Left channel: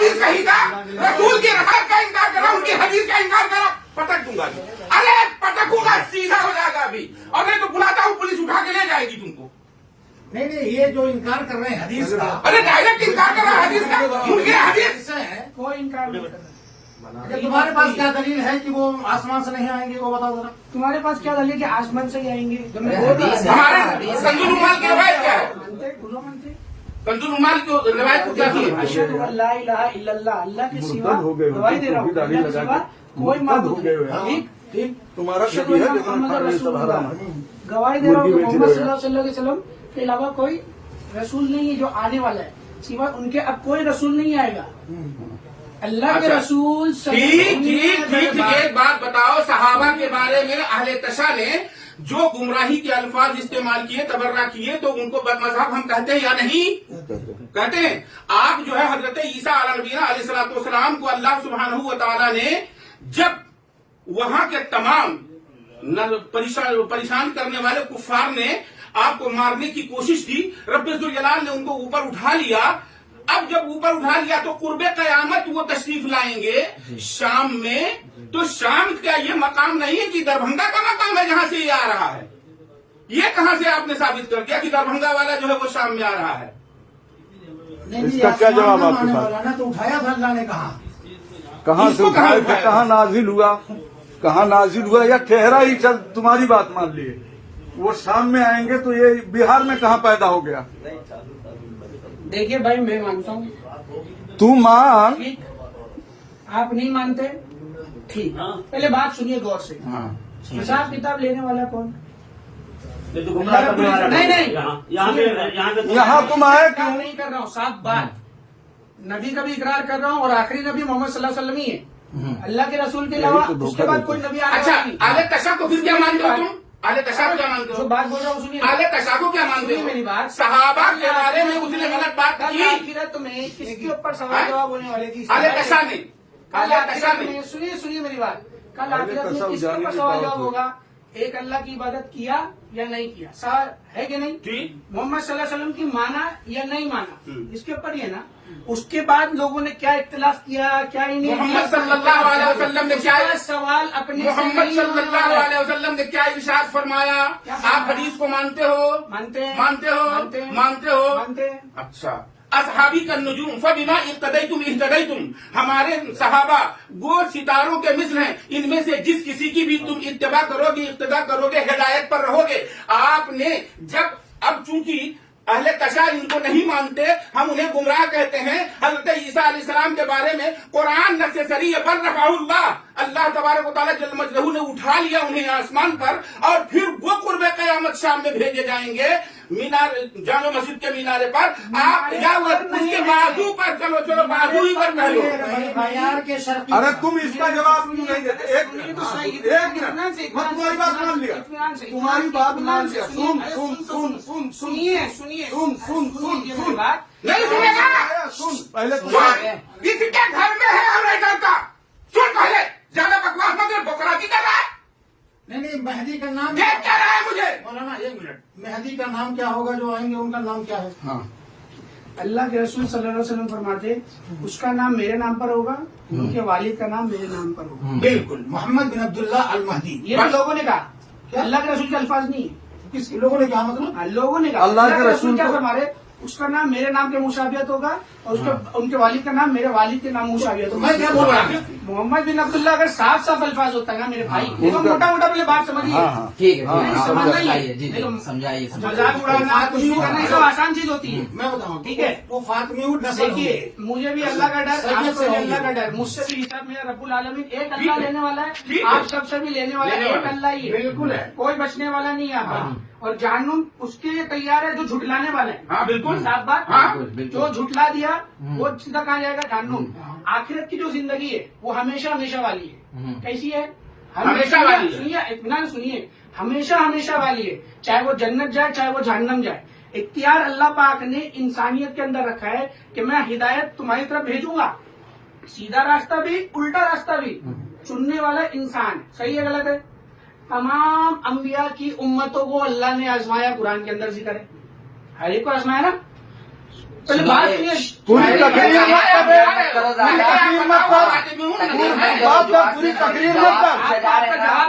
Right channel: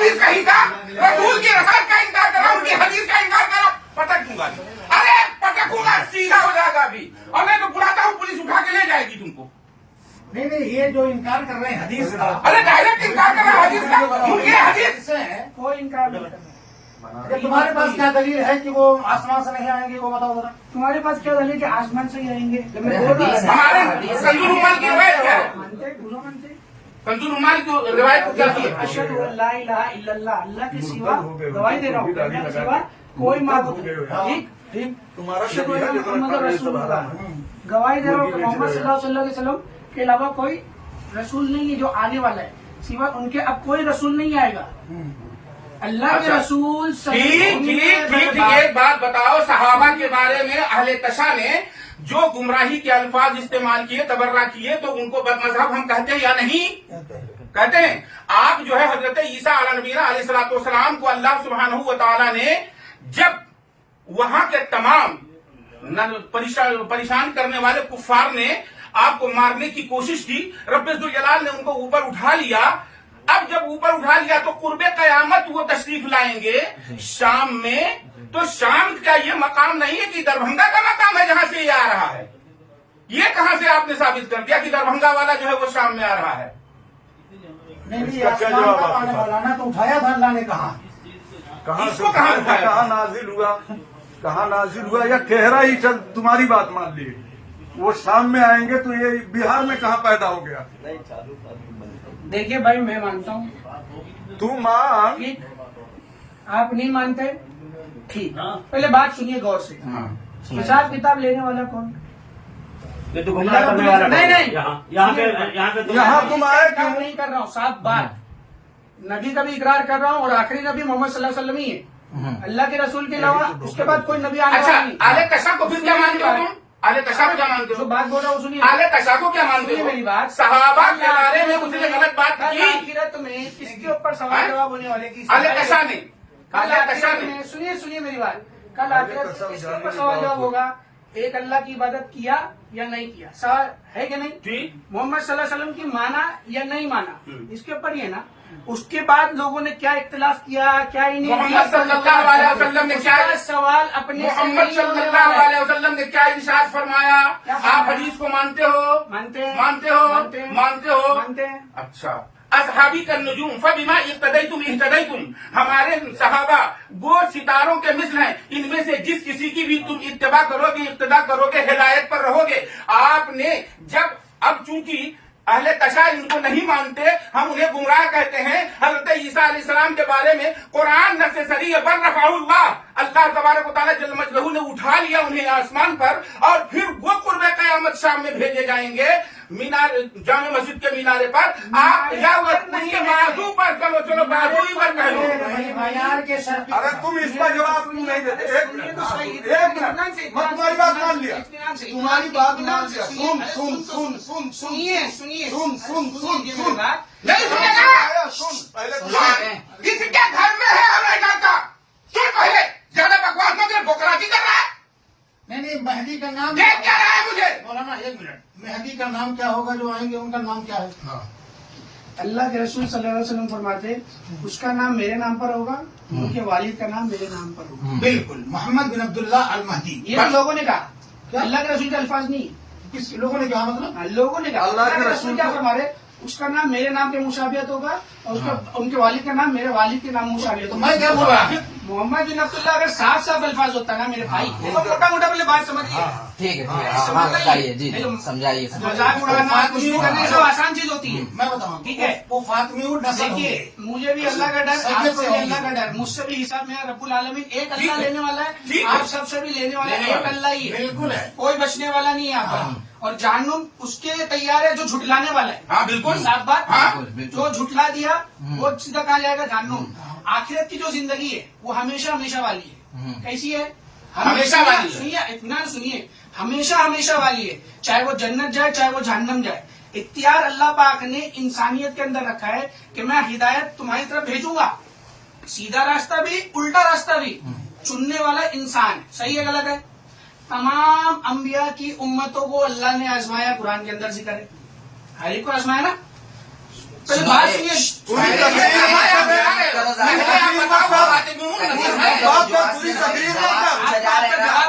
حدیث کہیں کا رسول کی روایت کا انکار کرا ان کی حدیث کا انکار کرا پٹک دوں گا ارے پٹکوں گا سیدھا ہو جائے گا ابھی اور میں تو بلاتا ہوں پولیس اٹھا کے لے جائے گی تم کو نہیں یہ جو انکار کر رہے ہیں حدیث کا ارے ڈائریکٹ انکار کرنا حدیث کا ان کی حدیث سے ہے وہ انکار نہیں کرنا تمہارے پاس کیا دلیل ہے کہ وہ آسمان سے نہیں آئیں گے وہ بتاؤ ذرا تمہارے پاس کیا دلیل کہ آسمان سے ہی رہیں گے جو میں بول رہا ہوں ہمارے کنزول عمال کی روایت کیا ہے مانتے دوسرا مانتے کنزول عمال کی روایت کو کیا سمجھتے اشہد ان لا الہ الا اللہ اللہ کے سوا گواہی دے رہا ہوں اللہ کے سوا کوئی معبود نہیں ٹھیک اشہد ان محمد رسول اللہ گواہی دے رہا ہوں کہ محمد صلی اللہ علیہ وسلم کے علاوہ کوئی رسول نہیں ہے جو آنے والا ہے سوا ان کے اب کوئی رسول نہیں آئے گا اللہ کے رسول ٹھیک ایک بات بتاؤ صحابہ کے بارے میں اہل تشا نے جو گمراہی کے الفاظ استعمال کیے تبرہ کیے تو ان کو بدمذہب ہم کہتے ہیں یا نہیں کہتے ہیں آپ جو ہے حضرت عیسیٰ علیہ نبینا علیہ الصلوۃ والسلام کو اللہ سبحانہ و تعالیٰ نے جب وہاں کے تمام پریشان کرنے والے کفار نے آپ کو مارنے کی کوشش کی رب ذوالجلال نے ان کو اوپر اٹھا لیا اب جب اوپر اٹھا لیا تو قرب قیامت وہ تشریف لائیں گے شام میں تو شام کا یہ مقام نہیں ہے کہ دربھنگا کا مقام ہے جہاں سے یہ آ رہا ہے یہ کہاں سے آپ نے ثابت کر دیا کہ دربھنگا والا جو ہے وہ شام میں آ رہا ہے نہیں آسمان کا آنے والا نا تو اٹھایا تھا اللہ نے کہا کہاں سے کہاں نازل ہوا کہاں نازل ہوا یا ٹھہرا ہی چل تمہاری بات مان لیے وہ شام میں آئیں گے تو یہ بہار میں کہاں پیدا ہو گیا دیکھیے بھائی میں مانتا ہوں تو مان ٹھیک آپ نہیں مانتے ٹھیک پہلے بات سنیے غور سے حساب کتاب لینے والا کون اللہ رب العزت نہیں یہاں تم آئے اقرار نہیں کر رہا ہوں صاف بات نبی کا بھی اقرار کر رہا ہوں اور آخری نبی محمد صلی اللہ علیہ وسلم ہی ہے اللہ کے رسول کے علاوہ اس کے بعد کوئی نبی آنے اچھا والا نہیں اہل تشا کو پھر کیا مانتے ہو تم اہل تشا کو کیا مانتے جو ہو بات بول رہا ہوں سنیے اہل تشا کو کیا مانتے سنیے میری ہو بات صحابہ کے بارے میں اس نے غلط بات کل کی آخرت میں کس کے اوپر سوال جواب ہونے والے کی اہل تشا نے کل اہل تشا آخرت نے میں سنیے میری بات کل آخرت میں کس کے اوپر سوال جواب ہوگا ایک اللہ کی عبادت کیا یا نہیں کیا سوال ہے کہ نہیں ٹھیک محمد صلی اللہ علیہ وسلم کی مانا یا نہیں مانا اس کے اوپر ہی ہے نا اس کے بعد لوگوں نے کیا اختلاف کیا کیا ہی نہیں محمد صلی اللہ علیہ وسلم نے کیا سوال اپنے محمد صلی اللہ علیہ وسلم نے کیا ارشاد فرمایا آپ حدیث کو مانتے ہو مانتے ہیں مانتے ہو مانتے ہیں مانتے ہو مانتے ہیں اچھا اصحابی کا نجوم فبما اقتدیتم اہتدیتم ہمارے صحابہ وہ ستاروں کے مثل ہیں ان میں سے جس کسی کی بھی تم اتباع کرو گے اقتداء کرو گے ہدایت پر رہو گے آپ نے جب اب چونکہ اہل تشا ان کو نہیں مانتے ہم انہیں گمراہ کہتے ہیں حضرت عیسیٰ علیہ السلام کے بارے میں قرآن نص صریح ہے بل رفعہ اللہ تبارک و تعالیٰ جل مجدہ نے اٹھا لیا انہیں آسمان پر اور پھر وہ قرب قیامت شام میں بھیجے جائیں گے مینار جامع مسجد کے مینارے پر آپ یا اس کے بازو پر چلو بازو ہی پر کہہ لو ارے تم اس کا جواب کیوں نہیں دیتے ایک منٹ میں تمہاری بات مان لیا تمہاری بات مان لیا سنیے نہیں سنے گا پہلے کسی کے گھر میں ہے اور نہیں کرتا سن پہلے زیادہ بکواس مگر بکراتی کر رہا ہے نہیں مہدی کا نام دیکھ کیا رہا ہے مجھے مولانا ایک منٹ مہدی کا نام کیا ہوگا جو آئیں گے ان کا نام کیا ہے اللہ کے رسول صلی اللہ علیہ وسلم فرماتے اس کا نام میرے نام پر ہوگا ان کے والد کا نام میرے نام پر ہوگا بالکل محمد بن عبداللہ المہدی یہ لوگوں نے کہا اللہ کے رسول کے الفاظ نہیں کس لوگوں نے کہا مطلب لوگوں نے کہا اللہ کے رسول کیا فرمارے اس کا نام میرے نام کے مشابہت ہوگا اور ان کے والد کا نام میرے والد کے نام مشابہت ہوگا میں کیا بول رہا ہوں محمد بن عبداللہ اگر صاف صاف الفاظ ہوتا ہے نا میرے بھائی موٹا موٹا پہلے بات سمجھیے ٹھیک ہے سمجھائیے مذاق اڑانا کچھ بھی کرنا یہ آسان چیز ہوتی ہے میں بتاؤں ٹھیک ہے وہ فاطمی دیکھیے مجھے بھی اللہ کا ڈر آپ سے بھی اللہ کا ڈر مجھ سے بھی حساب میں رب العالمین ایک اللہ لینے والا ہے آپ سب سے بھی لینے والا ہے ایک اللہ ہی ہے بالکل ہے کوئی بچنے والا نہیں ہے آپ کا اور جہنم اس کے تیار ہے جو جھٹلانے والا ہے ہاں بالکل صاف بات بالکل جو جھٹلا دیا وہ سیدھا کہاں جائے گا جہنم آخرت کی جو زندگی ہے وہ ہمیشہ ہمیشہ والی ہے کیسی ہے ہمیشہ والی ہے۔ سنیے اطمینان سنیے ہمیشہ ہمیشہ والی ہے چاہے وہ جنت جائے چاہے وہ جہنم جائے اختیار اللہ پاک نے انسانیت کے اندر رکھا ہے کہ میں ہدایت تمہاری طرف بھیجوں گا سیدھا راستہ بھی الٹا راستہ بھی چننے والا انسان ہے صحیح ہے غلط ہے تمام انبیاء کی امتوں کو اللہ نے آزمایا قرآن کے اندر ذکر ہے ہر ایک کو آزمایا نا تو یہ بات سنیے